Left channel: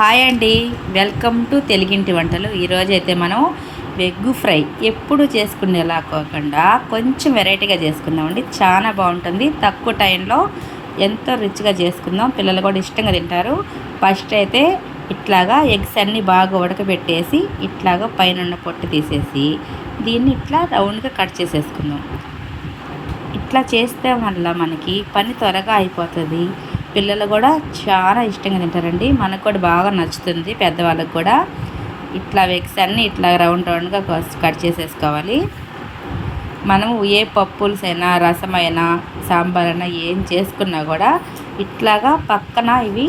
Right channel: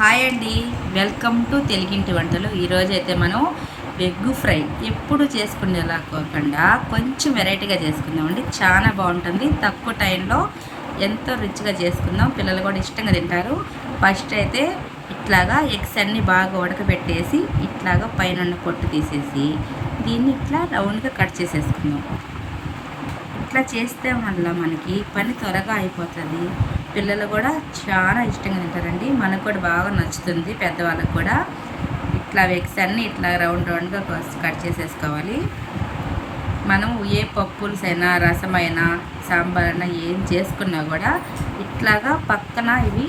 Hi అండి. Welcome to తెలుగింటి వంటలు. ఈరోజు అయితే మనం ఎగ్ ఫ్రై ఎప్పుడు చేసుకునేలా కాకుండా కొంచెం వెరైటీగా చేసుకుందామండి. చాలా బాగుంటుంది. తక్కువ టైంలో ఎంతో రుచిగా చేసుకుందాం. పిల్లలు కూడా ఇష్టంగా తింటారు. ఫస్ట్ అయితే ఇట్లాగా ఎగ్స్ అన్నీ బాగా ఉడకబెట్టేసి ఇట్లాగా పైన ఉన్న పొట్టు తీసేసి దీన్ని ఇట్లా రౌండ్గా కట్ చేసేసుకుందాం. ఇట్లా చేస్తే వల్ల మనకి పని త్వరగా అయిపోతుంది. పిల్లలు కూడా చాలా ఇష్టంగా తింటారండి. మనకు కూడా బాగా నచ్చుతుంది పెద్దవాళ్ళకి కూడా. ఇట్లా వెక్స్ అన్నీ ఇట్లా రౌండ్ రౌండ్గా కట్ చేసేసుకోవాలి. మనం ఏ పప్పుల్స్ అయినా రసం అయినా సాంబార్ అయినా ఏం చేసుకున్నా కూడా ఇట్లాగా పక్కన ఇవి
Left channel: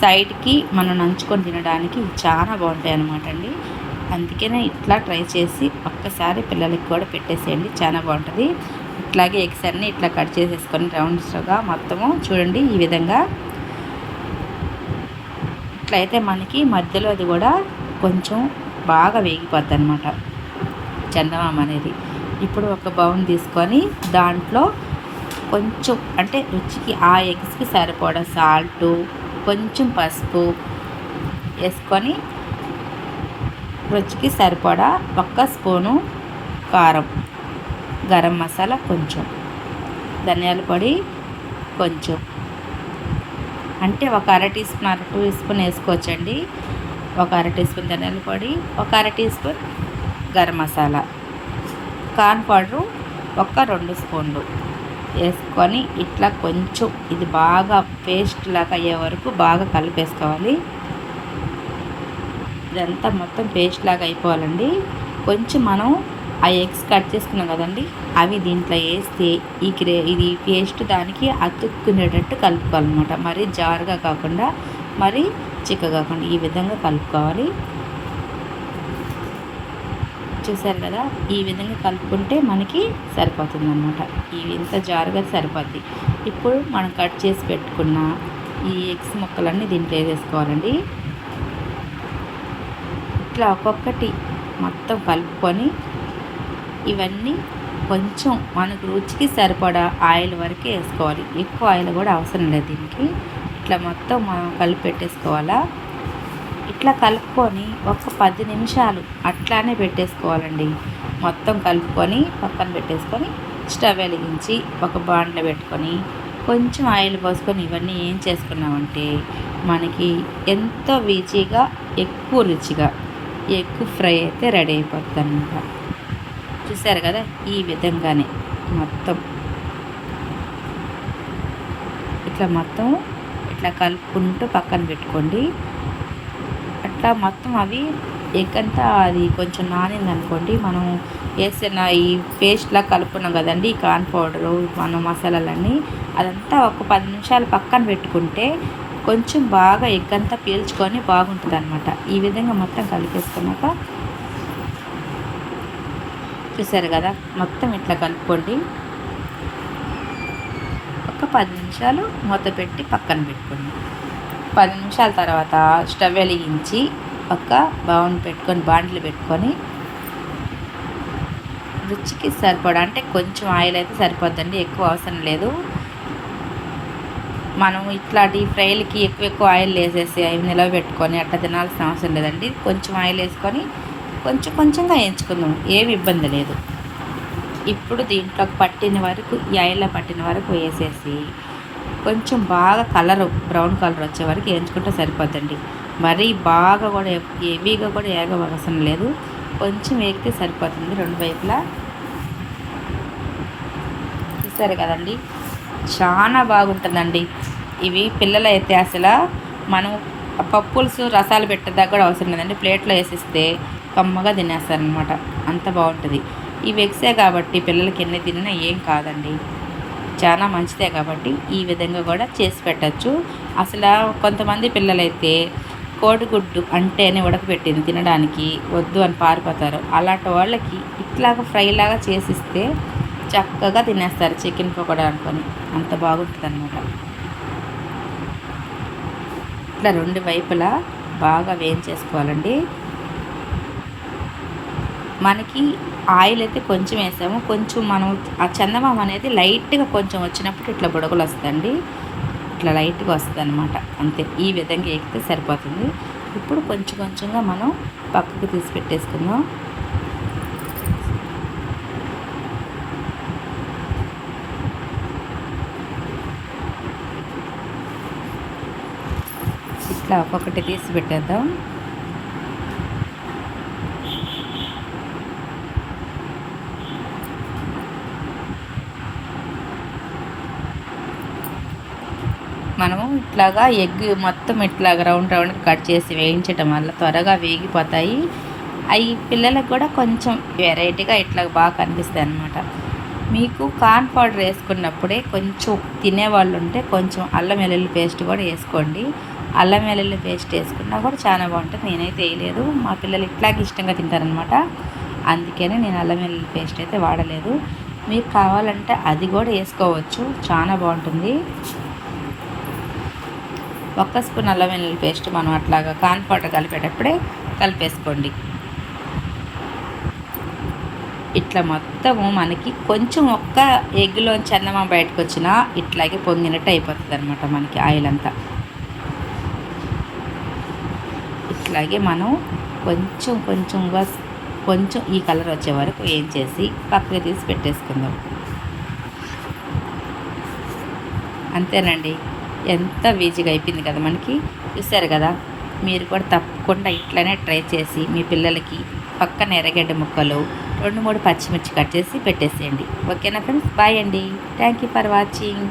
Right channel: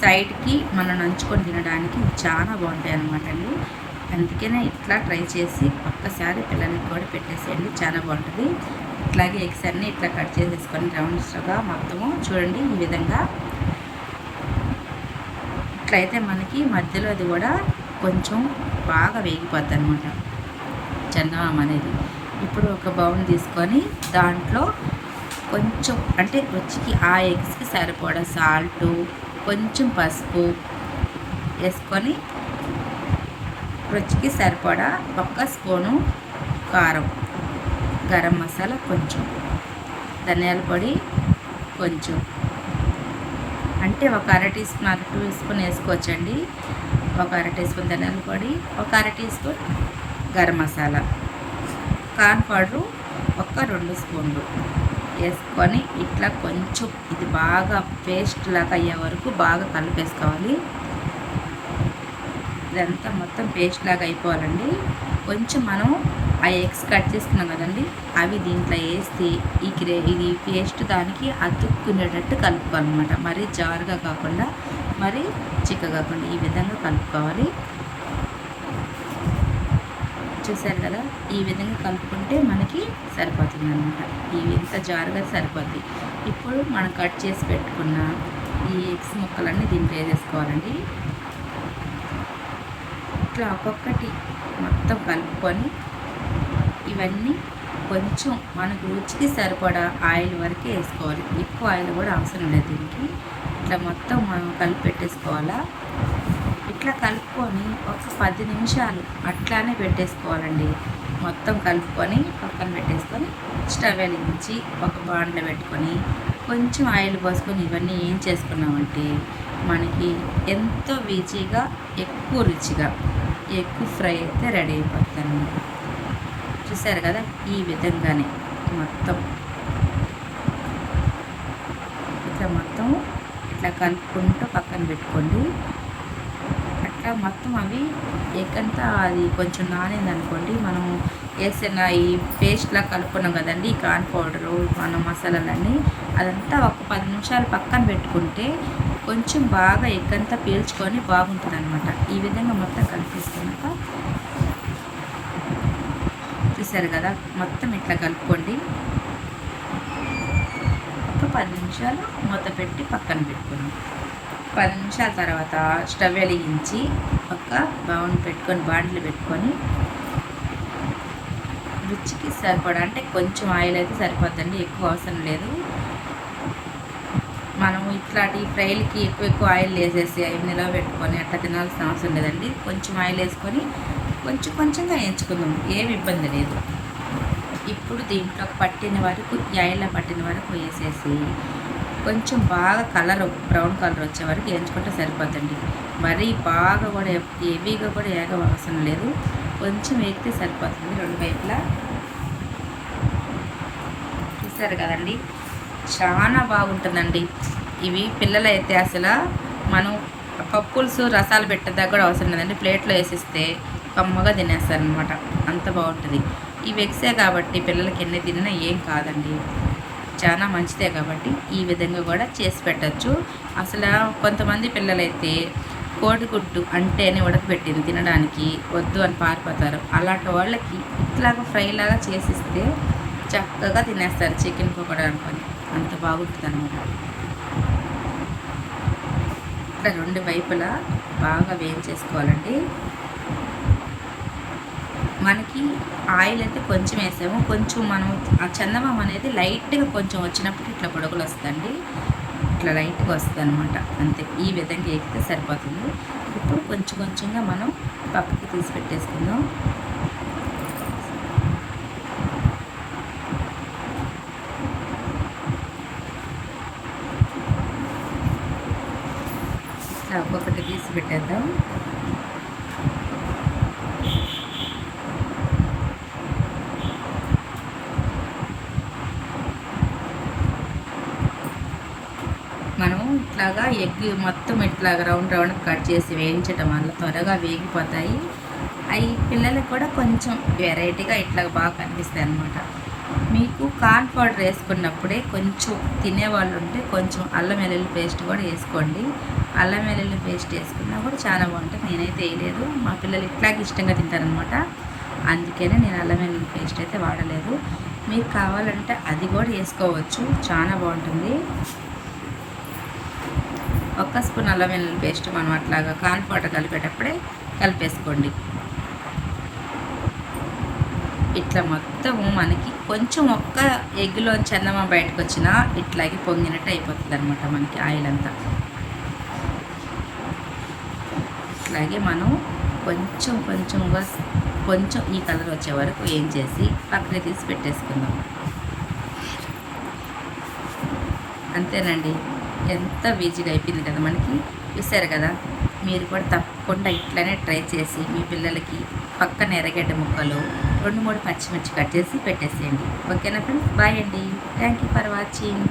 సైడ్కి మనం నంచుకొని తినడానికి చాలా బాగుంటాయి అన్నమాట అండి అందుకనే ఇట్లా ట్రై చేసి ఒక్కసారి పిల్లలకి కూడా పెట్టేసేయండి. చాలా బాగుంటుంది. ఇట్లాగే ఎగ్స్ అన్నీ ఇట్లా కట్ చేసేసుకొని రౌండ్స్గా మొత్తము చూడండి ఈ విధంగా. ఇట్లయితే మనకి మధ్యలో అది కూడా కొంచెం బాగా వేగిపోద్ది అనమాట చందమామ అనేది. ఇప్పుడు ఒక బౌన్ తీసుకొని దాంట్లో కొంచెం అంటే రుచికి ఆ ఎగ్స్కి సరిపడా సాల్టు కొంచెం పసుపు వేసుకొని రుచికి సరిపడా ఒక్క స్పూను కారం. గరం మసాలా కొంచెం. ధనియాల పొడి కొంచెం. అంటే ఒక అర టీ స్పూన్ అర టీ స్పూన్ వేసుకోవచ్చండి. ఒక అర టీ స్పూన్ ధనియాల పొడి ఒక అర teaspoon garam masala. Corn powder ఒక రెండు స్పూన్లు వేసుకొని ఇట్లా కొంచెం ఇది బాగా పేస్ట్ లాగా అయ్యే వరకు బాగా కలిపేసుకోవాలి. ఇదంతా మొత్తం పేస్ట్ లాగా అయిపోవాలండి. కొంచెం మనం ఆ ఎగ్స్ కట్ చేసుకున్నాం కదండి అవి దీంట్లో వేస్తే ఈ క్రే ఇది పేస్ట్ దానికి అతుక్కునేటట్టు కలుపుకోవాలన్నమాట. మరీ జారుగా కాకుండా మరీ చిక్క కాకుండా ఈ విధంగా కలుపుకోవాలి. చూసారు కదా ఈ విధంగా కలుపుకుంటే మనకి సరిపోతుంది అనమాట ఈ ఇంత జారుగా సరిపోద్ది. ఇప్పుడు మనం కట్ చేసి పెట్టుకున్న ఈ ఎగ్స్ ముక్కలన్నీ దీంట్లో వేసేసుకోవాలండి. ఇట్లా ఒక్కొక్కటి మొత్తం కలుపుకొని ఇవన్నీ కొంచెం మనకు రుచికి సరిపడా ఆయిల్ వరకే వేసుకోవాలి. ఎక్కువ ఆయిల్ కూడా అవసరం లేదు దీనికి. ఇట్లా మొత్తం మనం కలిపి పెట్టేసుకోవాలా? ఇట్లా కలుపుకొని ఒక పది నిమిషాలు అట్లానే పెట్టేసుకోవాలండి. మొత్తం కలుపుకొని పక్కన పెట్టేసుకొని స్టవ్ వెలిగించి ఒక బాండ్లో పెట్టుకొని కొంచెం ఆయిల్ పోసుకొని ఇవన్నీ ఏం చేసుకున్నామంటే మనకి ఎంతో రుచిగా ఎక్కువ రుచిగా ఎగ్ ఫ్రై అయితే రెడీ అయిపోతుంది అనమాట చూసారు కదా ఈ విధంగానే మొత్తం. ఇట్లా మొత్తం ఇట్లా కలుపుకుంటూ పక్కన పెట్టుకోండి. అట్లా మొత్తం అవి ఎక్కంతా అది కొంచెం నానింది అనుకోండి మనం వేసిన ఈ పేస్ట్లా కలుపుకున్నాం కదండి ఈ కార్న్ పౌడరు మన మసాలాలన్నీ అదంతా ఒక పది నిమిషాలు పక్కన పెట్టుకుంటే కొంచెం బాగా ఎక్కంతా పీల్చుకొని బాగుంటుంది అనమాట ఈ విధంగా మొత్తం కలిపేసుకున్నాక చూసారు కదా మొత్తం ఇట్లా కలుపుకోండి. ఒక పది నిమిషాలు మూత పెట్టి పక్కన పెట్టుకోండి. పది నిమిషాల తర్వాత స్టవ్ వెలిగించి ఒక బౌన్ పెట్టుకొని బాండ్లు పెట్టుకొని రుచికి సరిపడా అంటే కొంచెం ఆయిల్ అయితే సరిపోద్దండి ఎక్కువ అవసరం లేదు. మనం ఇట్లా డీప్ ఫ్రైలకి ఎక్కువ ఎక్కువ ఆయిల్ వేసేసి అవి నిలవ పెట్టుకొని అట్లా తినాల్సిన అవసరం లేదండి. కొంచెం ఆయిల్ వేసుకొని కొంచెం కొంచెంగా వేయించుకుందాం ఏమి ఇబ్బంది లేదు. ఇప్పుడు దీంట్లో పట్టిన వరకు ఈ పట్టిన వరకు వేసేసి కొంచెం బాగా కలర్ బ్రౌన్ కలర్ వచ్చే వరకు వేయించుకుంటే సరిపోద్దండి. మరీ బాగా కూడా హెవీగా కూడా ఏగ అవసరం లేదు. కొంచెం వేగితే సరిపోతుంది. రెండు వైపులా. చూసారు కదండి? చాలా బాగుంటుందండి. ఇవి పిల్లలైతే అయితే అసలు మనం పప్పులుసు రసాలు పెట్టేదాకా కూడా అవసరం లేదండి. ప్లేట్లో వేసిస్తే కమ్మగా తినేస్తారనమాట అంత బాగుంటుంది. ఇవి ఎగ్సే కాబట్టి పిల్లలకి ఎన్ని తిన్నా ఏం కాదండి. చాలా మంచిదే కాబట్టి ఈ విధంగా కూడా చేసి పెట్టచ్చు. అసలు కొంతమంది పిల్లలైతే కోడిగుడ్డు అంటేనే ఉడకబెట్టింది తినడానికి వద్దు అని పారిపోతారు. అలాంటి వాళ్ళకి ఇట్లాగా ఫ్రైలాగా చేసిస్తే చక్కగా తినేస్తారు చికెన్ పకోడా అనుకొని. అంత బాగుంటుంది అనమాట ఇట్లా రెండు వైపులా బాగా వేయించేసుకోవాలండి. మనకి ఆయిల్ అయితే కొంచెం వేసాము. కొంచెం మనం ఆ చందమామ అనేది లైట్గా కొంచెం వచ్చినప్పుడు ఇట్లా బుడగలు వస్తుందండి ఇట్లా లైట్గా వస్తుంది అనమాట అంతే. ఈ విధంగా ఎక్కితే సరిపోతుంది. ఇప్పుడు కొంచెం కొంచెంగా మనం పక్కకి తీసి పెట్టేసుకుందాం. ఇట్లా ఒక్కొక్కటి తీసి పెట్టేద్దాం. మనము ఇట్లాగా ఎగ్ మొత్తం ఇట్లాగా రౌండ్ రౌండ్ కట్ చేసి వేయించడం వల్ల త్వరగా వేగిపోతాయి. అవి పిల్లలకు కూడా కొంచెం వెరైటీగా ఇట్లా బాగా కనిపిస్తాయి అన్నమాట. మీకు కార్న్ పౌడర్ వేసుకున్నప్పుడే కొంచెం తినేవాళ్ళు ఉంటే కొంచెం అల్లం వెల్లుల్లి పేస్ట్ కూడా వేసుకోండి. అల్లం వెల్లుల్లి పేస్ట్ వేసుకున్నా కూడా చాలా బాగుంటుంది. నేనైతే వేయలేదు. మా పిల్లలు ఇట్లాగే ఇష్టంగా తింటారనమాట అందుకనే నేను అల్లం వెల్లుల్లి పేస్ట్ అయితే వాడలేదు. మీకు కావాలంటే అది కూడా వేసుకోవచ్చు. చాలా బాగుంటుంది. ఒక్క స్పూన్ అల్లం వెల్లుల్లి పేస్ట్ మనం అట్లాగా కార్న్ పౌడర్ కలిపేటప్పుడే కలిపేసుకోండి. ఇట్లా మొత్తము మనకి కొంచెం ఒక్క ఎగ్లో చందమా బయటకు వచ్చినా ఇట్లాగే పొంగినట్టు అయిపోతుంది అనమాట మనకి ఆయిల్ అంతా ఇట్లాగే మనం కొంచెం కొంచెంగా కొంచెం ఈ కలర్ వచ్చే వరకు ఏం చేసి పక్కన తీసి పెట్టేసుకుందాం. అంతేనండి. ఎంత ఈజీగా అయిపోయింది కదా మనకి. చూసారు కదా మీరు కూడా తప్పకుండా ఇట్లనే ట్రై చేసి మీ పిల్లలకి పక్కన ఎర్రగడ్డ ముక్కలు రెండు మూడు పచ్చిమిర్చి కట్ చేసి పెట్టేసేయండి. ఓకేనా ఫ్రెండ్స్? బాయ్ అండి. Thank you for watching.